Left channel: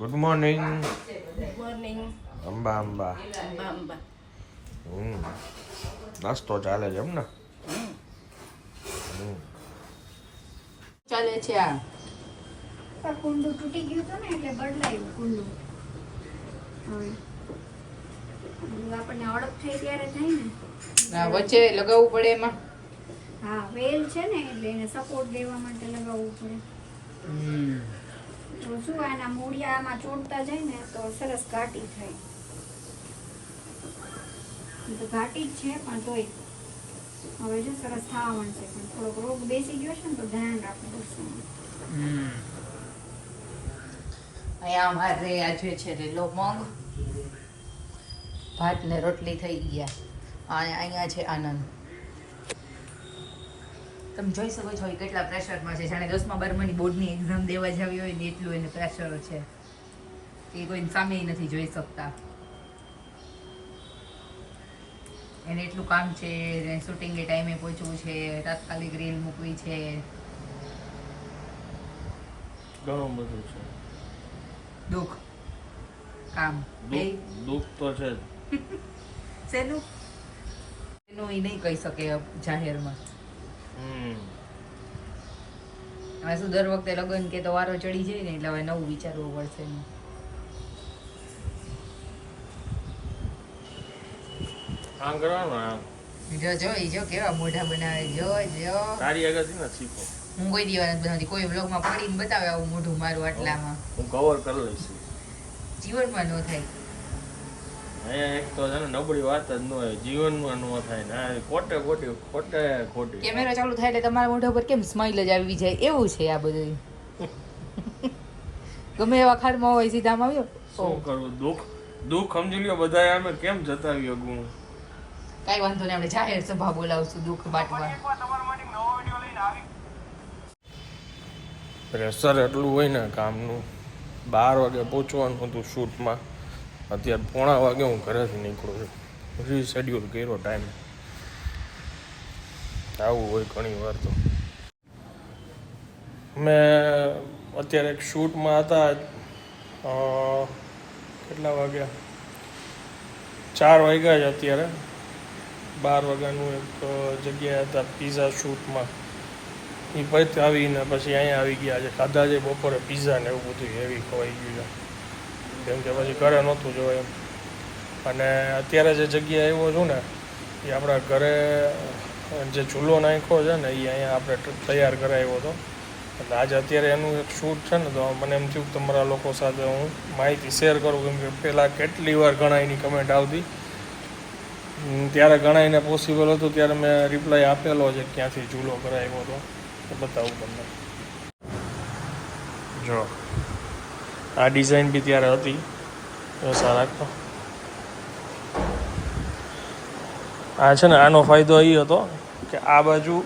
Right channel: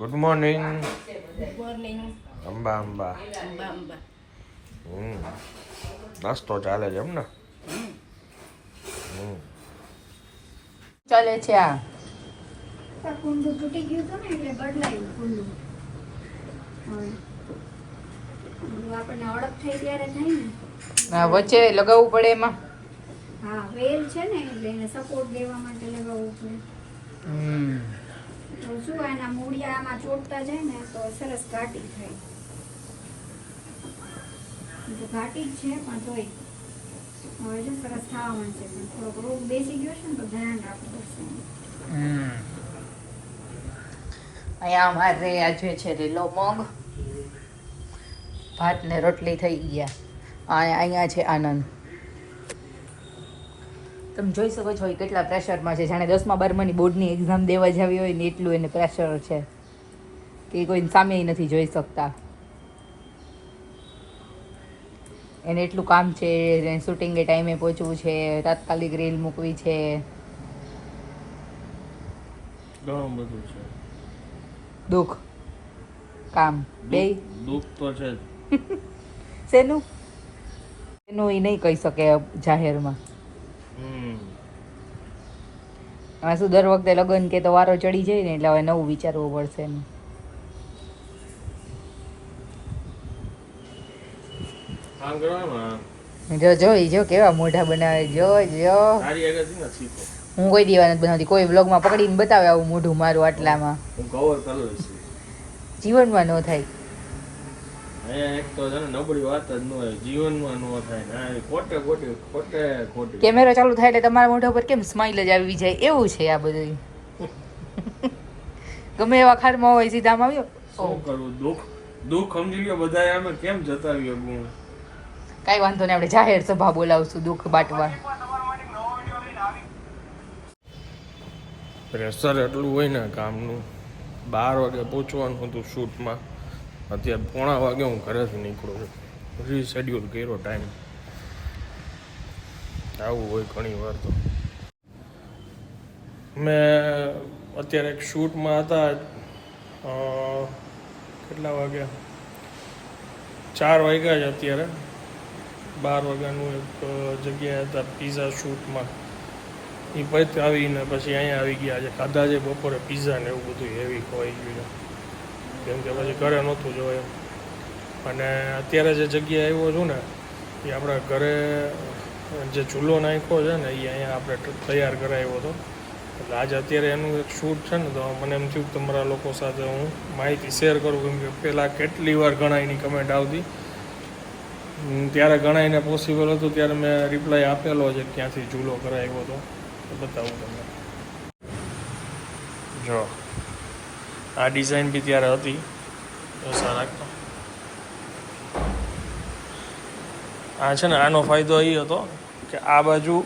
Good morning. Good morning. Amba Amba. Amba. નાસ્તો ચાલે છે એમ ને? ચાલે છે આ કુંડું તૂટી ગયું હતું ને એટલે બદલાયું કુંડું. આપણને અડપ થઈ ત્યારે થાય ને. વચ્ચે લગાવવું પડે એમાં. હા, વેલ છે ને એટલે એને સપોર્ટ દેવા માટે લગાવવું પડે. તો શું એના મૂળિયા આમાં ચોટતા જાય ને તો સરસ ઘાટી થાય. તો ઘાટી જ છે પણ તોય હવે જો સરસ થવા માંડશે, પણ થોડોક રોગ બેસી ગયો છે ને તો ધ્યાન રાખવું પડશે. અહીંયા અમારે આજે છે લીલો મગ, ભાત ને રોટલી થઈ ગયા. અહીંયા છે આનંદ. તમે જોઈ શકો છો એ કેટલા પ્રેશરમાં છે, જાણે 10મા 12માની બોર્ડની એક્ઝામ દેવા જાવી હોય ને એટલું એને પ્રેશર છે કે કોઈ સામે નથી જોઈ શકતા. એને એટલું કામ છે, શૂટિંગે ટાઈમે પહોંચવું છે, તાત્કાલિક રીલ મૂકવી છે, ઘણું બધું છે. દુઃખ કામ બે દુઃખ તો છે જ. શેનું એનું એ નહીં કહી શકે જાહેરમાં. હવે શું દર વખતે લગ્ન કે તો વારો ચડી જાય ને એટલે હવે નવું વિચારવું પડશે એનું. આમ કરવાનું. જો જો ઈ જો કેવા મોઢા બનાવે, જો જો. તારી આગળ ને શીખો. હું કોઈ દીવા નથી બનાવતી, કોઈ વ્લોગમાં પકડીને બતાવે આવું મોઢું મારું આટલામાં. હું કવર કરી લઈશ. જીવનમાં ન થાય. એક તો છે ને નબળી વાત જ ન હોય, જીવનમાં ન થાય ને ખોટે ખોટી. કેમેરા ચાલુ થાય એટલે તમારા મોઢા પર કેમ સ્માઈલ જ આવી જાય એવું છે આ બધું. ગમે એવા ખારમાં હોય સીધા આમ આવ્યો. શું કરવું? દુઃખ સમજી લ્યો બધા આમે કેમ જતાવ્યો ગુણ. કાંઈ વાંધો નહીં, આપણે જાહેર સભા બોલાવશું દુઃખ બાટવા. પ્રેશર એટલું હોય ને કામનું. 12 વાગે પહોંચવાનું હતું શૂટમાં, અત્યારે 3:45 વાગે હું ઘરેથી નીકળું છું. રીશેડ્યુલ કર્યો ટાઈમ. આવું હોય ઘણી વાર. તો મેં અત્યારે એક શૂટમાં હતા. કેટલા વાગ્યા? 4 વાગ્યા જ અત્યારે. 12 વાગ્યાનું એક જગ્યાએ હતા પીઝા શૂટમાં. એ પછી આવીને પછી અહીંયા આવી ગયા છે. ખાધા છે બપોરે પીઝા ને એવું બધું હેવી ખવાઈ ગયું છે, કેમ કે પછી ઘરે નહોતું જોવાય એમ. અને અત્યારે જે જગ્યાએ આવ્યો છું ને એ આપણા ઘરે જે ચૂલો નાખ્યો છે ને એ અહીંયા આપણે તૈયાર કરાવ્યો હતો. એટલે આજે અત્યારે એનું એક શૂટ છે ને તો મને એમ થયું કે તમારા લોકો સાથે હું માહિતી શેર કરું, કેમ કે પહેલાં કેટલી વાર ઘણાઈની કમેન્ટ આવતી, ત્યારે ઘણાઈને પોસિબલ હતું ત્યારે મેં રિપ્લાય આપેલો છે ક્યાંથી ચૂલો કરાવ્યો હતો. બતાવું તમને. જો આ ડિઝાઇન બી ત્યારે હતી. ઓછા રાખતો. આ છે ને આનો ફાયદો એ હતો કે આ બાજુ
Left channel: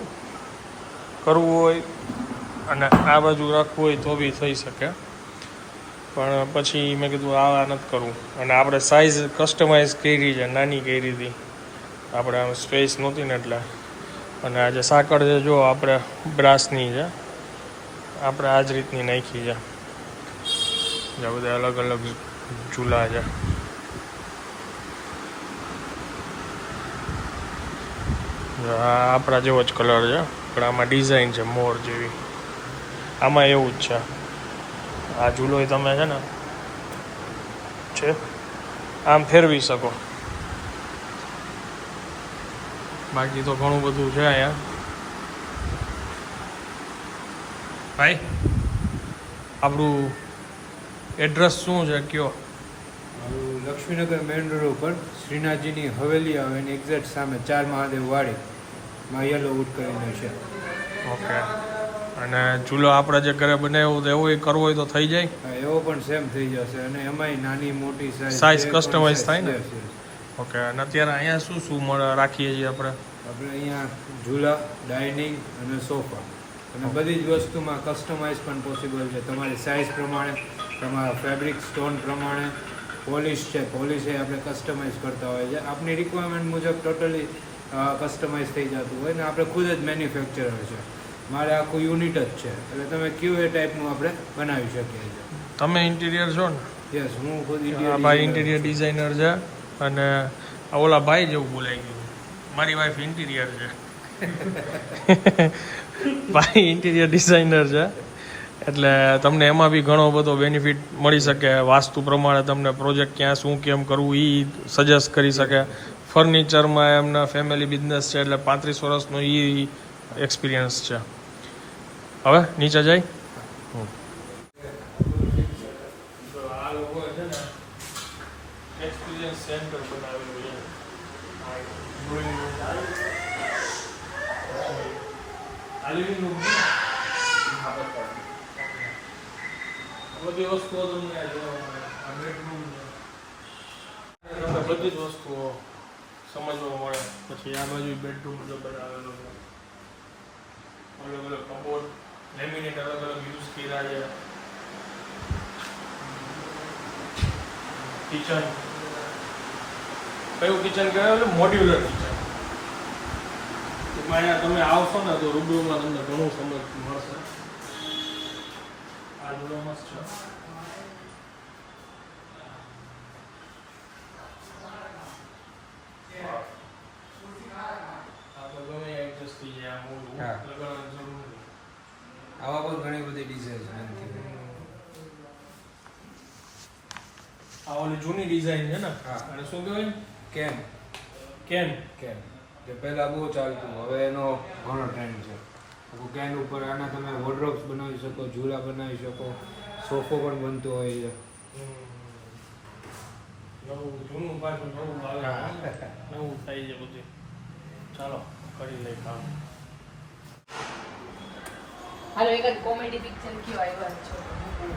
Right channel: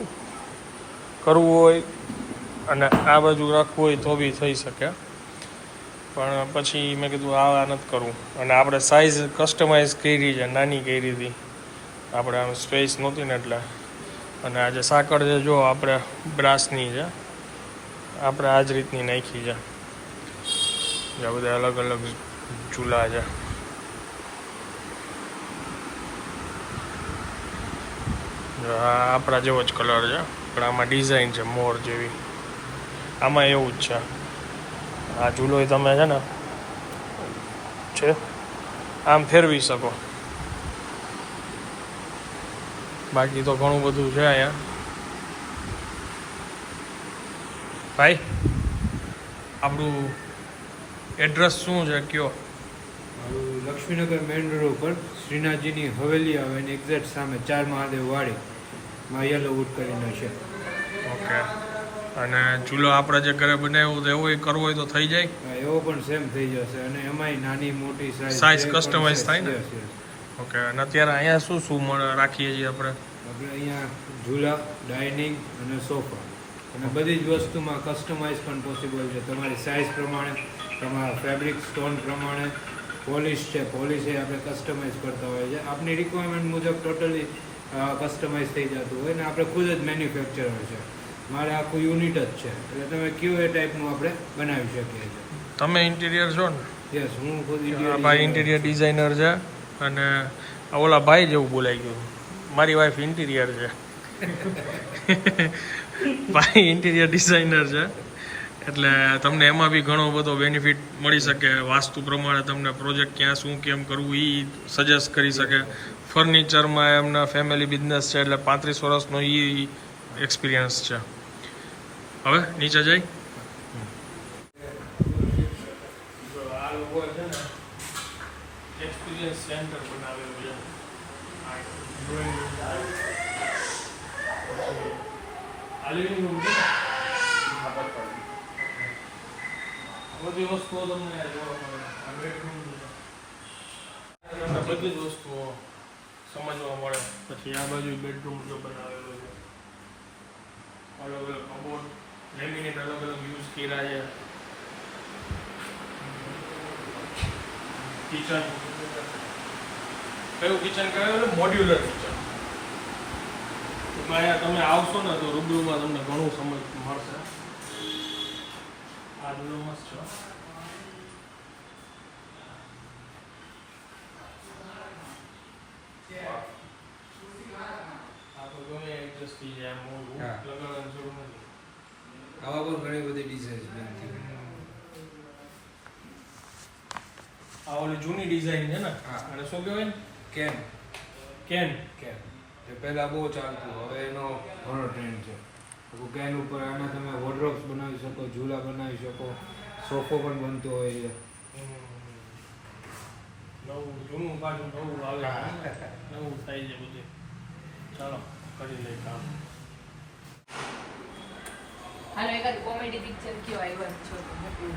કરવું હોય અને આ બાજુ રાખવું હોય તો બી થઈ શકે, પણ પછી મેં કીધું આ નથી કરવું. અને આપણે સાઇઝ કસ્ટમાઇઝ કરી છે, નાની કરી હતી આપણે, આમ સ્પેસ નહોતી ને એટલે. અને આ જે સાંકળ છે જો આપણે બ્રાસની છે, આપણે આ જ રીતની નાખી છે. આ બધા અલગ અલગ ચૂલા છે. આ આપણા જેવો જ કલર છે પણ આમાં ડિઝાઇન છે મોર જેવી. આમાં એવું જ છે. આ ચૂલો તમે છે ને આમ ફેરવી શકો. બાકી તો ઘણું બધું છે અહીંયા. ભાઈ આપણું એડ્રેસ શું છે કયો? લક્ષ્મીનગર મેઇન રોડ ઉપર શ્રીનાથજીની હવેલી આવે અને એક્ઝેક્ટ સામે 4 મહાદેવ વાડીમાં યલો વુડ કરીને છે. ઓકે. અને ચૂલો આપણે જે ઘરે બનાવ્યો તો એવો કરવો હોય તો થઈ જાય? હા, એવો પણ સેમ થઈ જશે અને એમાંય નાની મોટી સાઇઝ કસ્ટમાઇઝ થાય ને? ઓકે. અને અત્યારે અહીંયા શું શું રાખીએ છીએ આપણે? આપણે અહીંયા ઝૂલા, ડાઇનિંગ અને સોફા અને બધી જ વસ્તુમાં કસ્ટમાઇઝ પણ પોસિબલ છે. તમારી સાઇઝ પ્રમાણે, તમારા ફેબ્રિક સ્ટોન પ્રમાણે. પોલિશ છે, પોલિશ એ આપણે કસ્ટમાઇઝ કરતા હોય છે. આપની રિક્વાયરમેન્ટ મુજબ ટોટલી કસ્ટમાઇઝ થઈ જતું હોય ને આપણે ખુદ જ મેન્યુફેક્ચરર છે. મારે આખું યુનિટ જ છે, એટલે તમે કયો એ ટાઈપનું આપણે બનાવી શકીએ છીએ. તમે ઇન્ટિરિયર છો ને? યસ, હું ખુદ આ ભાઈ ઇન્ટિરિયર ડિઝાઇનર છે અને આ ઓલા ભાઈ જેવું બોલાઈ ગયું. મારી વાઈફ ઇન્ટિરિયર છે. ભાઈ ઇન્ટિરિયર ડિઝાઇનર છે એટલે તમને એમાં બી ઘણો બધો બેનિફિટ મળી શકે. વાસ્તુ પ્રમાણે તમને પ્રોજેક્ટ ક્યાં શું કેમ કરવું એ સજેસ્ટ કરી શકે. ફર્નિચરમાં એમના ફેમિલી બિઝનેસ છે એટલે 35 વર્ષનો એ એક્સપિરિયન્સ છે. હવે નીચે જઈ આ લોકો છે ને એક્સપિરિયન્સ સેન્ટર બનાવેલું છે. આ લિવિંગ રૂમ છે ને, બધી વસ્તુઓ તમને જોવા મળે. આ બેડરૂમ છે, બધી જ વસ્તુઓ સમજવા મળે. પછી આ બાજુ બેડરૂમ જો બનાવેલો છે, અલગ અલગ કબોર્ડ, લેમિનેટ અલગ અલગ યુઝ કર્યા છે. કિચન, કયું કિચન કહેવાય? Modular kitchen. અહીંયા તમે આવશો ને તો રૂબરૂમાં તમને ઘણું સમજ મળશે. આ જોડો મસ્ત છે. આ તો ગમે એડજસ્ટ થઈ જાય. મોડું લગાડવાની જરૂર નથી. આવા પણ ઘણી બધી ડિઝાઇન્સ બનતી હોય. આ ઓલી જૂની ડિઝાઇન છે ને, અને શું કહેવાય? કેમ કેન. કેમ એ પહેલા બહુ ચાલતું, હવે એનો ઘણો ટ્રેન્ડ છે. આખું કેન ઉપર આના તમે વોર્ડરોબ્સ બનાવી શકો, ઝૂલા બનાવી શકો, સોફો પણ બનતો હોય છે. નવું જૂનું પાછું નવું આવે, નવું થાય છે બધું. ચાલો કરી લઈએ કામ. હાલો એકાદ કોમેડી પિક્ચર કયો આવ્યો છો તો મૂકું.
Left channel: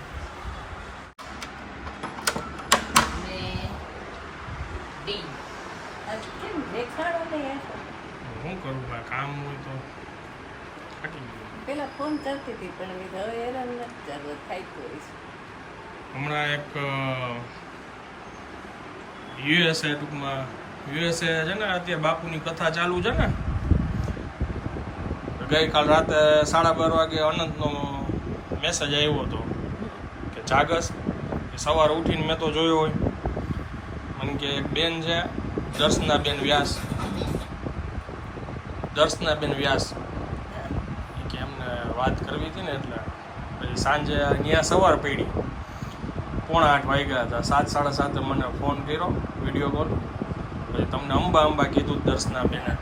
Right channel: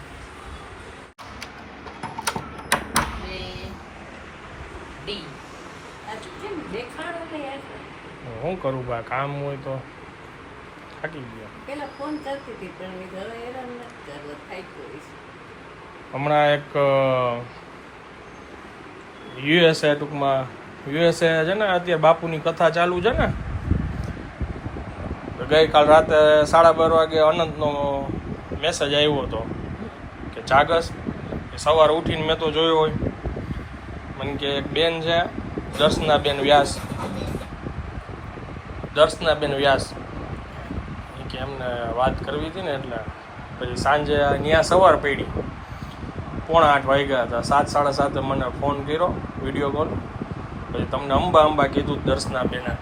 ને ડી દેખાડો તો યાર. શું કરું ભાઈ, કામ હોય તો થાકી ગયા. પેલા ફોન કરતી હતી પણ મેં હવે હેરાન નથી કરવો, થાય તો હમણાં એક યુએસએ ટૂંકમાં યુએસએ છે ને, અત્યારે બાપુની કથા ચાલુ છે ને. ગઈકાલ રાતે 12:30 વાગે અનંતનો મેસેજ આવ્યો હતો કે જાગસ. સવારે ઉઠીને મેં તો જોયો હોય, મને કે એક બેન છે દર્શનાબેન વ્યાસ એ કે એમને વાત કરવી હતી ને, એટલે પછી સાંજે ત્યાં સવાર પડી 7:45 વાગ્યા હતા. 7:30 મને ફોન કર્યો, વિડીયો કોલ. પછી તમને અંબા કીધું દર્શનાબેને,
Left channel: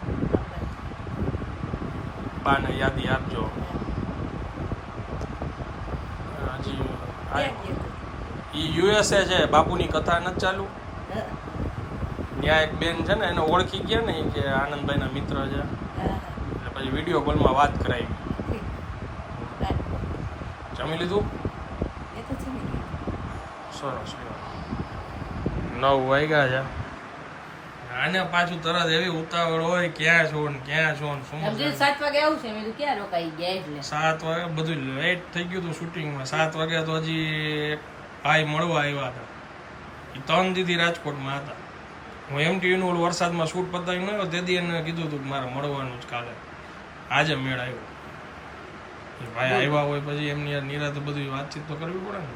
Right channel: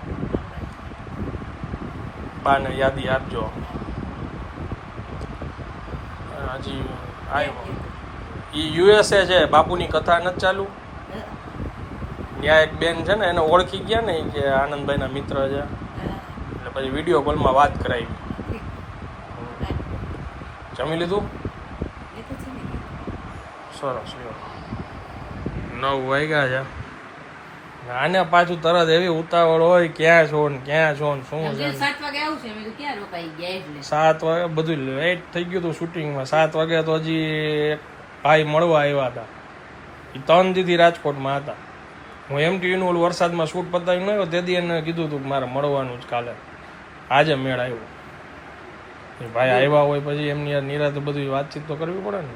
બાને યાદી આપજો. હજી આવ્યો એ યુએસએ છે, બાપુની કથા નથી ચાલુ. ત્યાં એક બેન છે ને, એને ઓળખી ગયા ને કે આનંદભાઈના મિત્ર છે, એટલે પછી વિડીયો કોલમાં વાત કરાવી. જમી લીધું? સરસ. 9 વાગ્યા છે. આને પાછું તરત એવી ઉતાવળ હોય, ક્યાં છો ને શું છે. 7 વાગે આવું છે, મેં કીધું ક્યાં રોકાઈ ગયા એટલે 7 વાગે બધું લેટ થઈ ગયું હતું શૂટિંગમાં. 7 વાગે તો હજી એક ભાઈ મળવા આવ્યા હતા, એ 3 દીથી રાજકોટમાં હતા. હું MTVનું ઓલું વરસાદમાં શૂટ પતાવી ન આવ્યો તેથી એને કીધું હતું કે મારે મળવાનું જ કાલે. આજે મેળ આવ્યો. એ ભાઈ આવ્યા હોય પછી એમની યાર નિરાતે બધી વાતચીત તો કરવી પડે ને.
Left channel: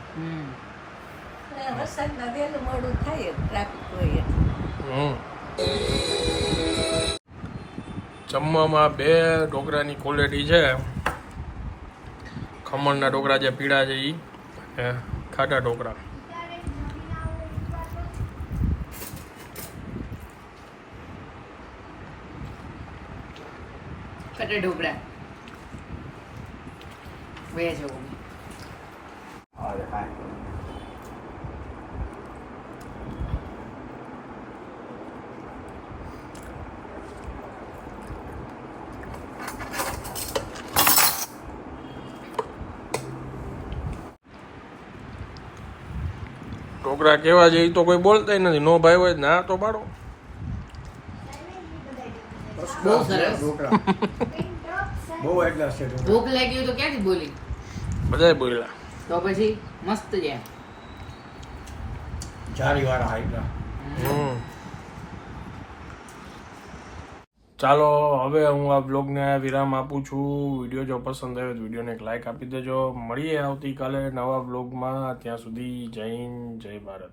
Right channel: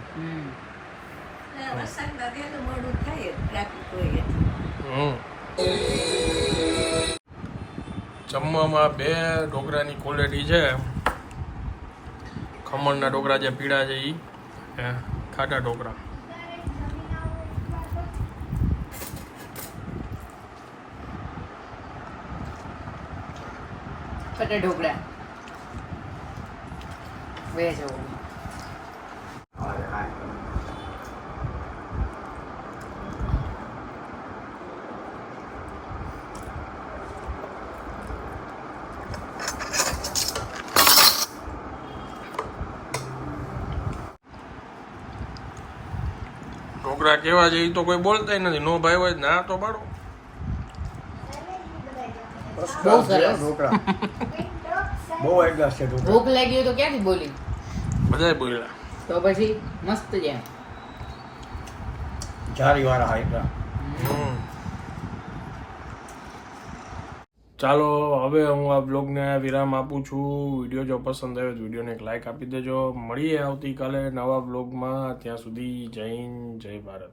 વરસાદ વાગે તો મોડું થાય, ટ્રાફિક હોય એટલે. જમવામાં 2 ઢોકળાની ક્વોલિટી છે. ખમણના ઢોકળા જે પીળા છે એ, ખાટા ઢોકળા. કટે ઢોકળા વેજ જવું. ઢોકળા કેવા છે એ તો કોઈ બોલતા નથી. નો ભાઈ હોય ના તો પાડો. બહુ સરસ. બહુ એકલા છે ભૂખ લાગી હોય તો ક્યાંથી બોલી? બધાય બોલ્યા. તો પછી મસ્ત છે. જારી વાળા એકલા. ચાલો હવે હું આ બ્લોગને વિરામ આપું છું. વિડીયો જો પસંદ આવ્યો તો વિડીયોને એક લાઇક આપી દેજો. મળીએ આવતીકાલે નવા બ્લોગમાં. ત્યાં સુધી જય હિન્દ, જય ભારત.